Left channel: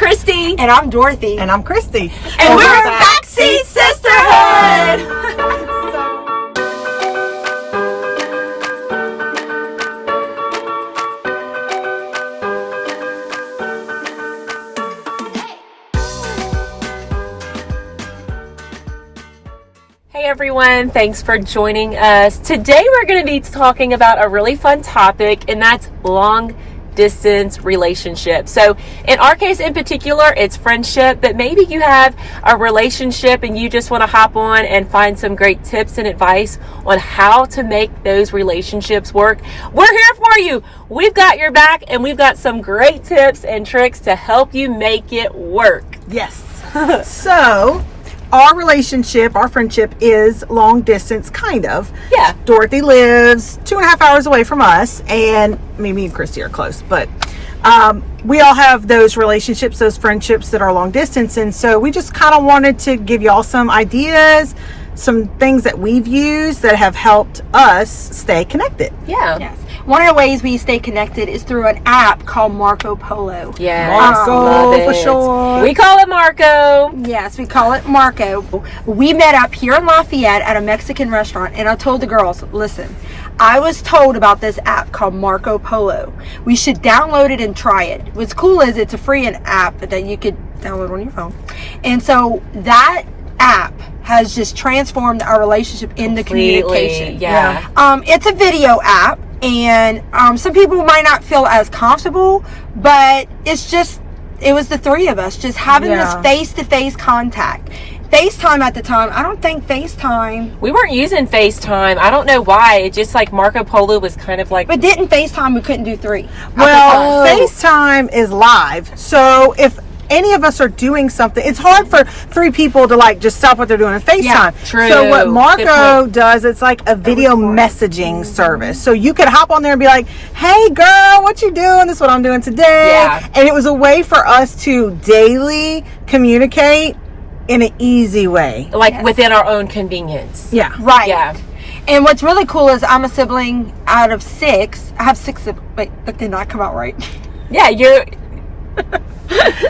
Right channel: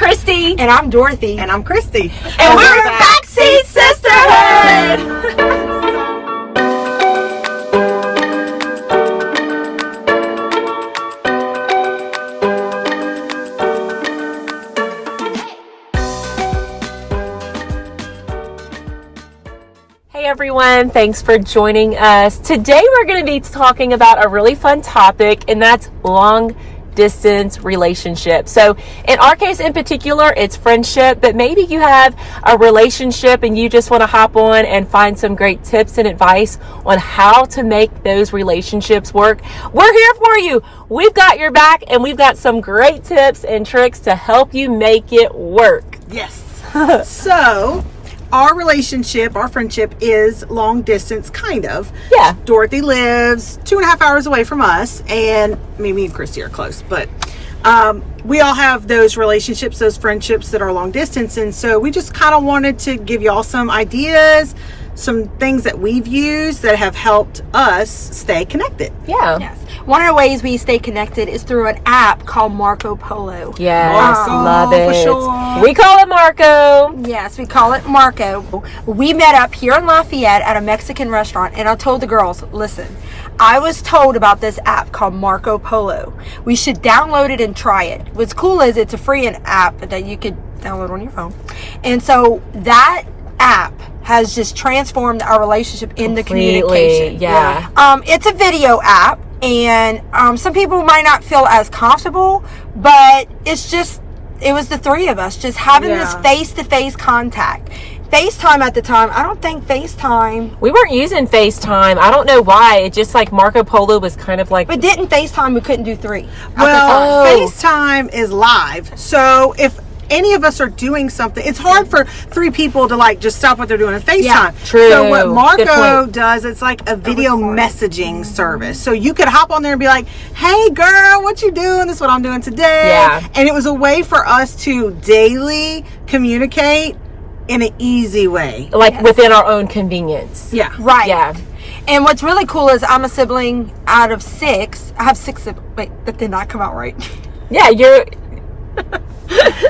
Christy. And I'm Dorothy. And I'm Christy. And we're Backseat Sisterhood. Hey everyone, thanks for joining us. Today we're going to be talking about a really fun topic, and that's long distance relationship. So in our case in particular, it's friendship, but maybe you have a relationship and you just want to hop on and find some great tips and advice on how to make those relationships work. We're here for you. We've got your back, and we've got some great tips and tricks to help you make it work. Yes. So, our relationship, our friendship is long distance, kind of. Yeah. Dorothy lives 2.5 hours away from us, and me and Christy are close, but we all have those relationships, those friendships that are long distance, and so we just kind of wanted to give y'all some ideas, some things that we've used that have helped us stay connected. Yeah. Yes. One of the ways we stay connected is through an app called Marco Polo. Yes, Marco, love it. for sure. We call it Marco. Yes, we call it Marco. We met up here in Lafayette at a Mexican restaurant, and I told the girls, listen, I was told about this app called Marco Polo. We should download it and try it. What's cool is it's a free app that you could download on your phone. And so that app has just transformed our relationship into communication. Yeah. It's a video app, and some people might not feel as comfortable, but it was the three of us just having this face-to-face contact. FaceTime at the time, I don't think FaceTime. We weren't using FaceTime. I don't know why. It just like Marco Polo was kind of like. But didn't FaceTime, we couldn't do three. Well, FaceTime is live. So if any of us are doing something, it's hard for three people to like just stop what they're doing and FaceTime. Yeah, true. So what Marco does, it's like a video messaging service. So you could hop on there and be like, hey girl, what you doing? This is what I'm doing today. Yeah. And it was a way for us to daily communicate in an easy way. Like within our own convenience. Yeah. Right. Yeah. And what's really cool is I'm a sibling out of 6. I have 6 wait, that did not come out right. Yeah, you're.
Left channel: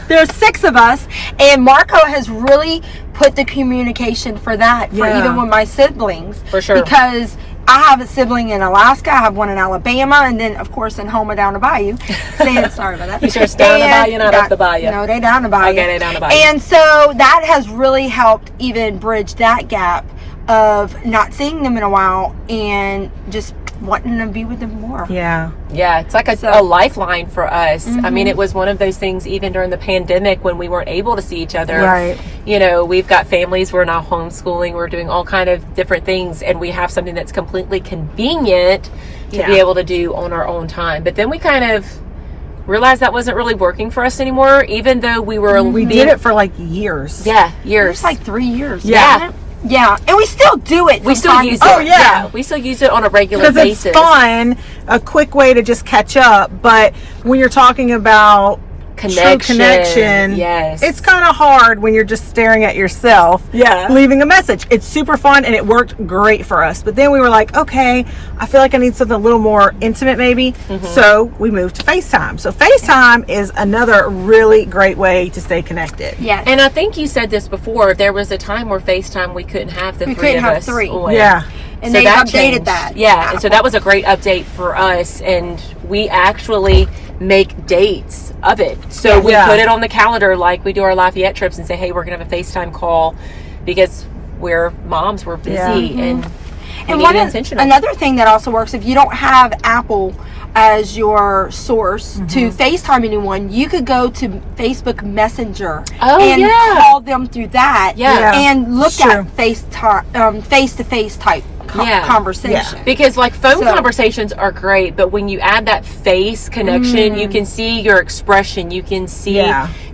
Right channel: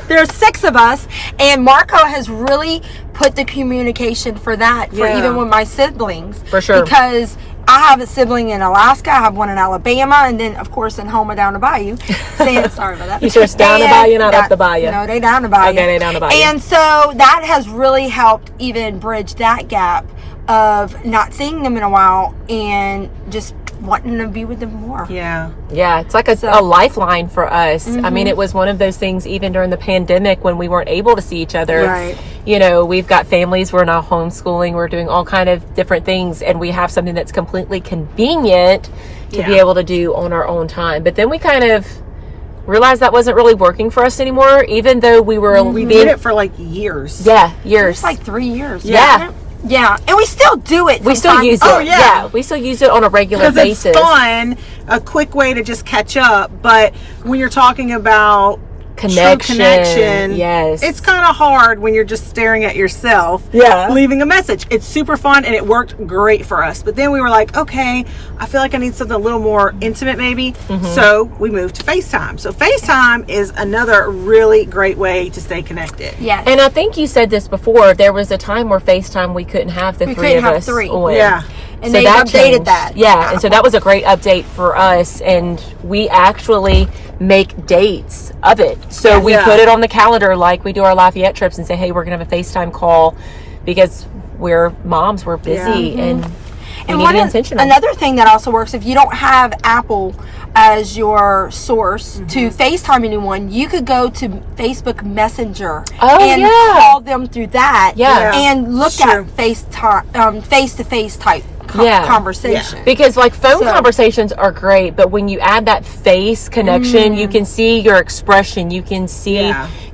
There's 6 of us, and Marco has really put the communication for that for even with my siblings. For sure. Because I have a sibling in Alaska, I have one in Alabama, and then of course in Houma down the bayou. Sorry about that. You sure it's down the bayou, not up the bayou? No, they down the bayou. Okay, they down the bayou. And so that has really helped even bridge that gap of not seeing them in a while and just wanting to be with them more. Yeah. Yeah, it's like a lifeline for us. I mean, it was one of those things even during the pandemic when we weren't able to see each other. Right. You know, we've got families, we're now homeschooling, we're doing all kind of different things, and we have something that's completely convenient to be able to do on our own time. But then we kind of realized that wasn't really working for us anymore, even though we were... We did it for like years. Yeah, years. It's like 3 years. Yeah. Yeah, and we still do it. We still use it. Oh, yeah. We still use it on a regular Because basis. it's fun, a quick way to just catch up. But when you're talking about true connection, yes, it's kind of hard when you're just staring at yourself, leaving a message. It's super fun, and it worked great for us. But then we were like, okay, I feel like I need something a little more intimate maybe. So we moved to FaceTime. So FaceTime is another really great way to stay connected. Yes. And I think you said this before, there was a time where FaceTime we couldn't have the three of us on. Yeah. And they've updated that. Yeah, and so that was a great update for us, and we actually make dates of it. So we put it on the calendar like we do our Lafayette trips and say, hey, we're going to have a FaceTime call because we're moms, we're busy, and another thing that also works, if you don't have Apple as your source to FaceTime anyone, you could go to Facebook Messenger and call them through that and look at face-to-face type conversation. Because like phone conversations are great, but when you add that face connection, you can see your expression, you can see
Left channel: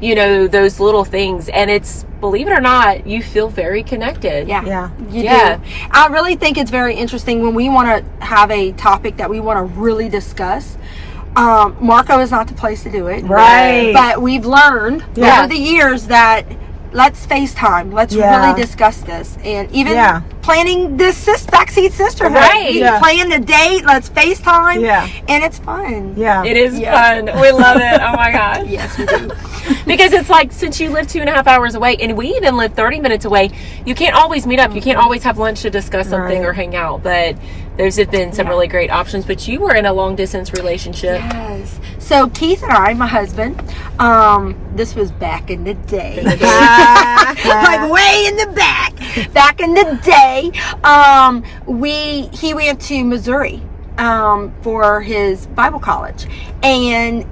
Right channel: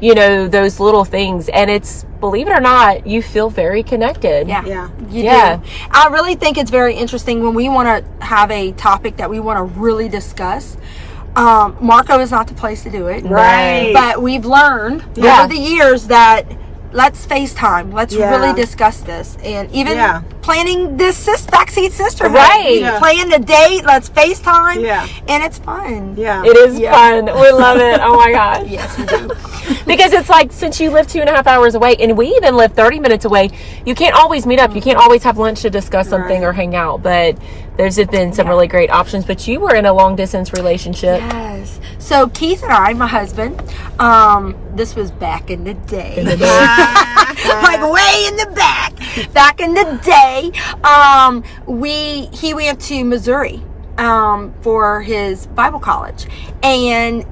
you know, those little things, and it's, believe it or not, you feel very connected. You do. I really think it's very interesting when we want to have a topic that we want to really discuss. Marco is not the place to do it, right? But we've learned over the years that let's FaceTime. Let's really discuss this. And even planning this backseat sisterhood. Right. Plan the date. Let's FaceTime. Yeah. And it's fun. Yeah. It is fun. We love it. Oh my gosh. Yes, we do. Because it's like, since you live 2.5 hours away, and we even live 30 minutes away, you can't always meet up. You can't always have lunch to discuss something or hang out. But there's been some really great options. But you were in a long distance relationship. Yes. So Keith and I, my husband, this was back in the day. Like way in the back. Back in the day, he went to Missouri for his Bible college. And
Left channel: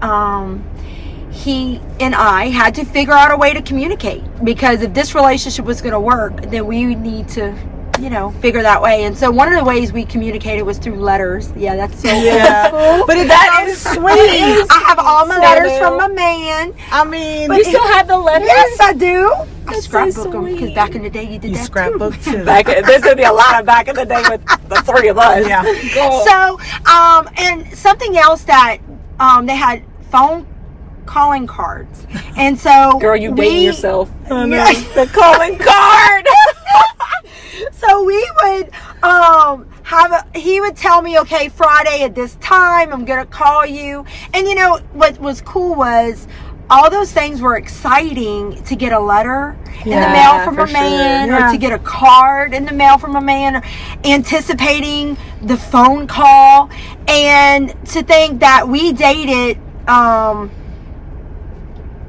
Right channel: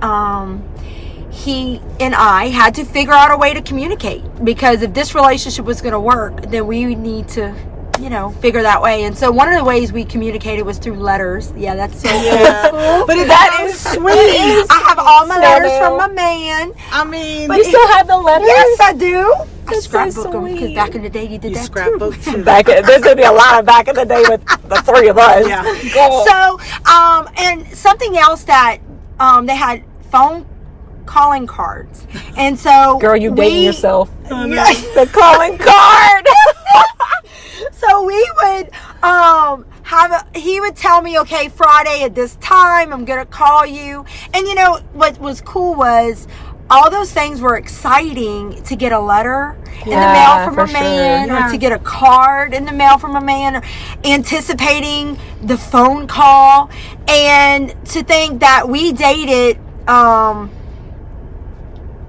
he and I had to figure out a way to communicate, because if this relationship was going to work, then we need to, figure that way. And so one of the ways we communicated was through letters. Yeah, that's so cool. But that is sweet. I have all my letters from my man. I mean, You still have the letters? Yes, I do. I That's scrapbook so them, because sweet. back in the day you did you that scrapbook too. too. There's going to be a lot of back in the day with the three of us. Yeah. So, and something else that they had phone calling cards, and so Girl, you dating yourself. Yes. The calling card. So we would he would tell me, okay, Friday at this time I'm gonna call you. And what was cool was all those things were exciting, to get a letter in the mail from a man, or to get a card in the mail from a man, or anticipating the phone call. And to think that we dated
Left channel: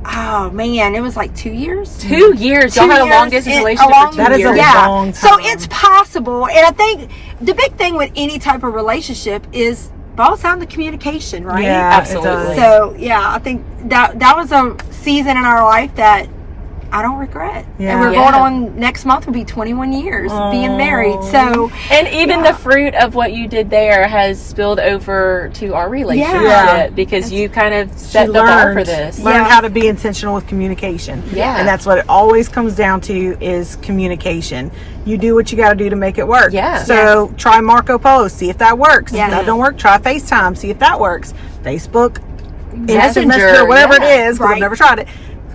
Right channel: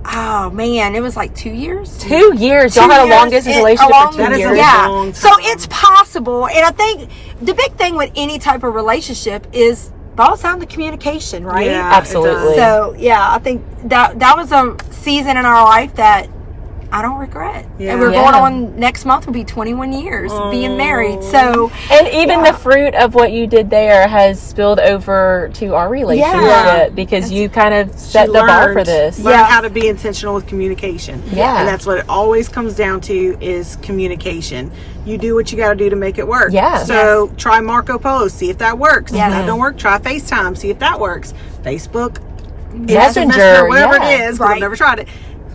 oh man, it was like 2 years. 2 years. Y'all had a long distance relationship for 2 That is years. a long time. So it's possible. And I think the big thing with any type of relationship is boils down to communication, right? Yeah, Absolutely. it does. So yeah, I think that was a season in our life that I don't regret. Yeah. And we're going on, next month will be 21 years being married. So And even the fruit of what you did there has spilled over to our relationship, Yeah. because you kind of set the bar for this. Learned Yeah. how to be intentional with communication. Yeah. And that's what it always comes down to, is communication. You do what you got to do to make it work. Yeah. So try Marco Polo, see if that works. Yes. If that don't work, try FaceTime, see if that works. Facebook, Messenger, Messenger, whatever yeah. it is, 'cause Right. I've never tried it.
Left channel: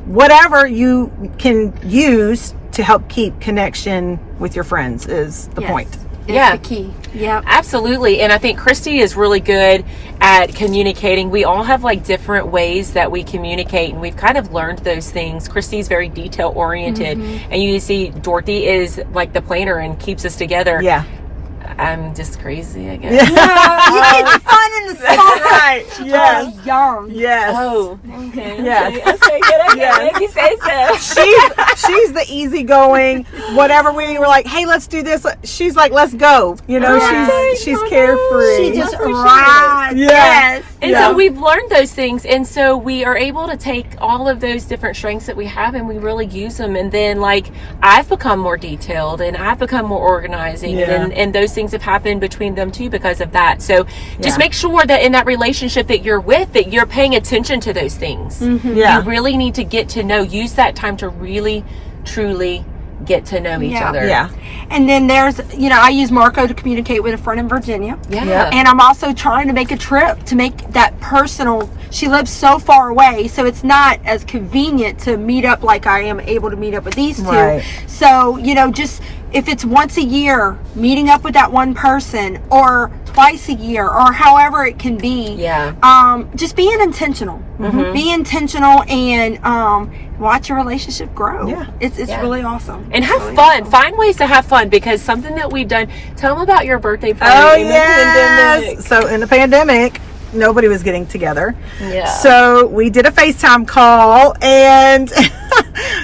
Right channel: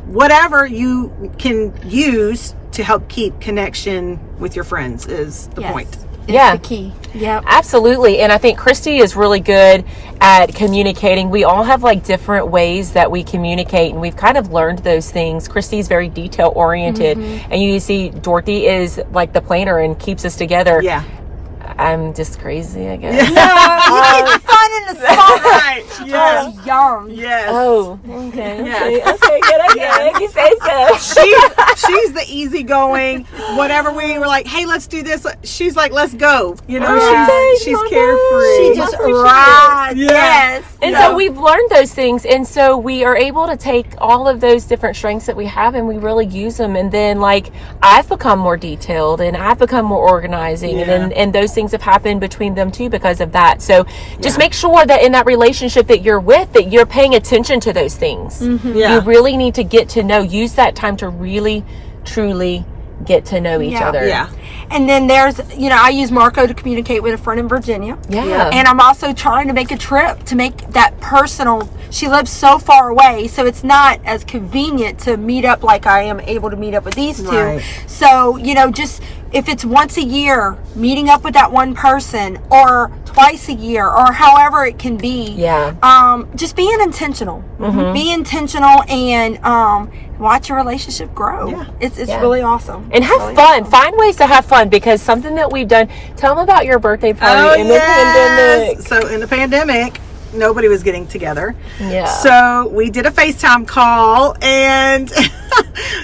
Whatever you can use to help keep connection with your friends is the yes, point. it's Yeah. the key. Yeah. Absolutely. And I think Christy is really good at communicating. We all have like different ways that we communicate, and we've kind of learned those things. Christy's very detail oriented, and you see Dorothy is like the planner and keeps us together. Yeah. I'm just crazy, I guess. You keep the fun in the spot. Right. Yes. Young. Yes. Oh, okay. Yes. Okay, good. Okay. Yes. You say so. She's the easygoing, whatever we were like, hey, let's do this. She's like, let's go. She's carefree. She just appreciate it. rides. Yeah. Yes. And so we've learned those things, and so we are able to take all of those different strengths that we have, and we really use them. And then, like, I've become more detailed, and I've become more organizing, and those things have happened between them too because of that. So just make sure that in that relationship that you're with, that you're paying attention to those things. Yeah. You really need to get to know, use that time to really, truly get to know each other. Yeah. And then there's, I use Marco to communicate with a friend in Virginia. Yeah. And I'm also trying to make a trip to make that personal. She lives so far away, so it's not as convenient to meet up like I am able to meet up with these two. Right. So, just if it's once a year, meeting up with that one person, or twice a year, or however it can be. Yeah. Just being intentional. Be intentional and watch your relationship grow. Yeah. It's really awesome. And have Really fun. awesome. Find ways to have fun, because something that we've done. Tell them about your birthday party Oh, in the pandemic. yes. So in the pandemic, nobody was getting together. Yeah. So we did a FaceTime call, and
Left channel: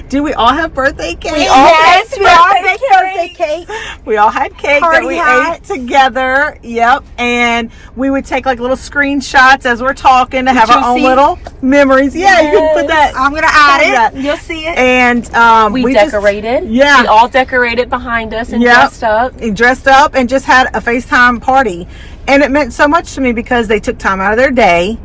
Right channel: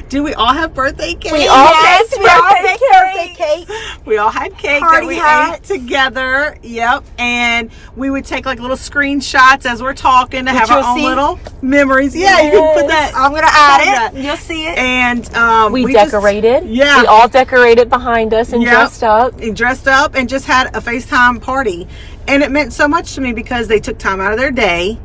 do we all have birthday cake? We all Yes, baked we all birthday baked birthday cake. We all had cake Party that we hats. ate together. Yep. And we would take like little screenshots as we're talking to have our you'll own see. little memories. Yeah, you can put that. I'm gonna Find add that. it. You'll see it. And We just- decorated. Yeah. We all decorated behind us and Yep. dressed up. And dressed up and just had a FaceTime party. And it meant so much to me because they took time out of their day.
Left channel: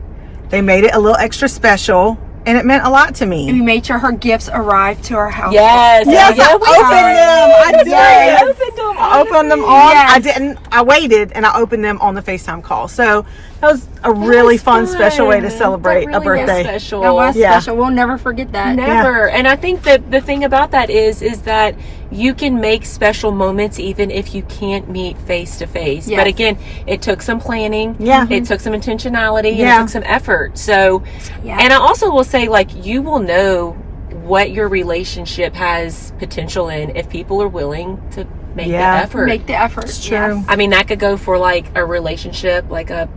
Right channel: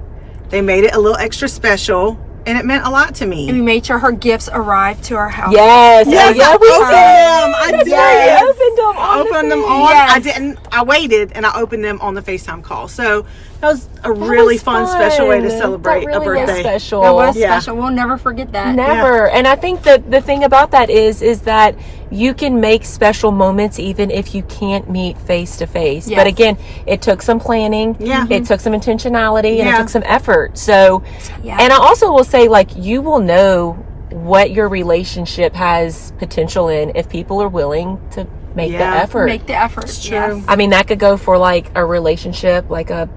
They made it a little extra special. and it meant a lot to me. And we made sure her gifts arrived to our house. Yes. Yes, yeah, I opened them. I did. Yes. Opened them. I opened them on. Yes. I didn't. I waited and I opened them on the FaceTime call. So that was a really was fun, special way to fun. celebrate That a really was birthday. special. It was Yeah. special. We'll never forget that. Never. And I think that the thing about that is that you can make special moments even if you can't meet face to face. Yes. But again, it took some planning. Yeah. It took some intentionality and Yeah. it took some effort. So, Yeah. and I also will say, like, you will know what your relationship has potential in if people are willing to make the Yeah. effort. Make the effort. It's true. Yes. I mean, that could go for like a relationship, like a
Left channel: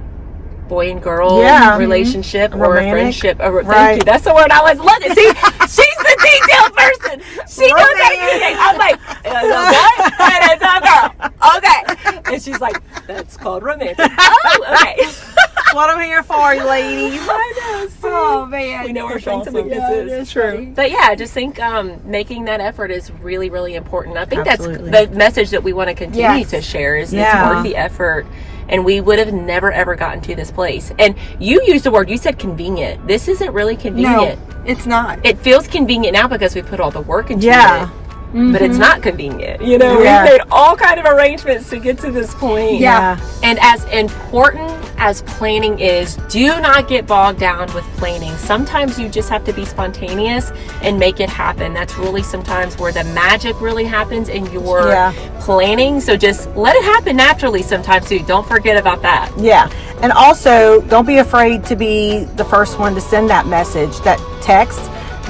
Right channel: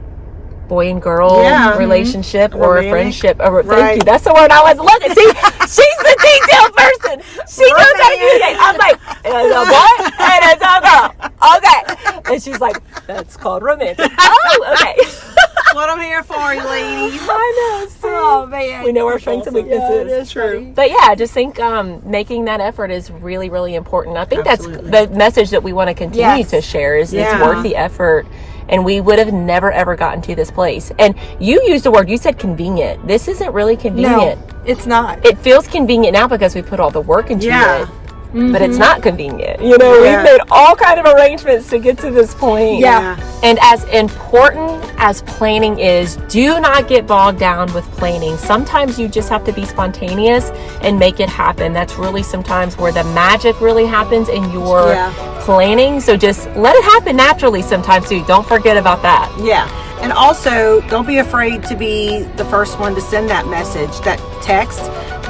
boy and girl Yeah. relationship, or a Romantic. friendship. Thank Right. you. That's the word I was looking. See, she's the detailed person. She knows everything. I was like, it's a boy and it's a girl. Okay. And she's like, that's called romantic. Oh, okay. That's what I'm here for, you ladies. I know. Oh man. We know our strengths and weaknesses. It's true. But yeah, I just think making that effort is really, really important. I think Absolutely. that's the message that we want to continue Yes. to share is it's Yeah. worth the effort. And we would have never, ever gotten to this place. And you used the word, you said convenient. This isn't really convenient. No, it's not. It feels convenient now because we put all the work into Yeah. it. But it's not convenient. You know, Yeah. we've made all kind of arrangements to get to this point. Yeah. And as important as planning is, do not get bogged down with planning. Sometimes you just have to be spontaneous and make it happen. That's really sometimes where the magic really happens in your Yeah. planning. So just let it happen naturally sometimes too. Don't forget about that. Yeah. And also, don't be afraid to be the first one to send that message, that text,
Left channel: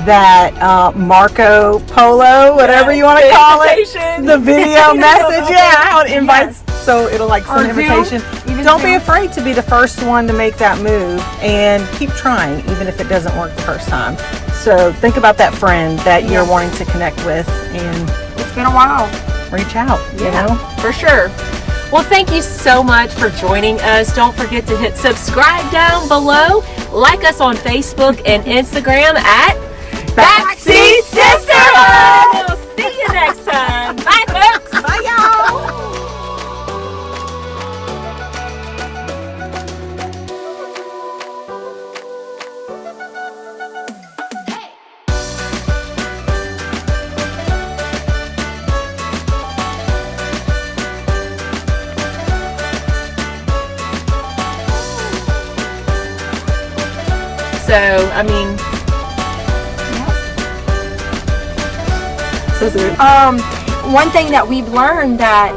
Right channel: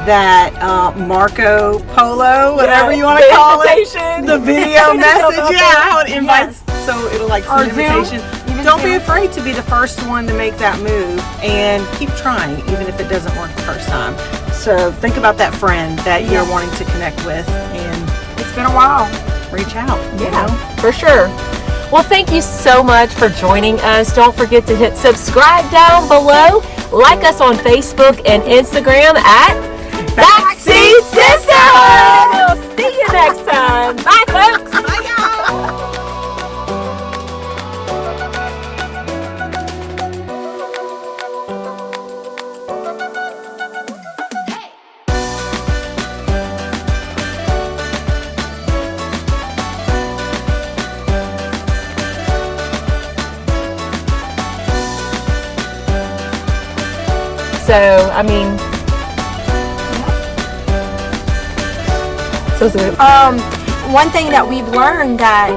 that Marco Polo, whatever Yeah, you want to the call invitation. it, the video message. Yeah, how it invites, so it'll like send Or an invitation. Zoom. Even Don't be Zoom. afraid to be the first one to make that move, and keep trying, even if it doesn't work the first time. So think about that friend that you're Yes. wanting to connect with, and It's been a while. reach out. You know. For sure. Well, thank you so much for joining us. Don't forget to hit subscribe down below. Like us on Facebook and Instagram at Backseat Sisterhood. We'll see you next time. Bye, folks. Bye, y'all. So, I mean, this is it. One thing that we've learned that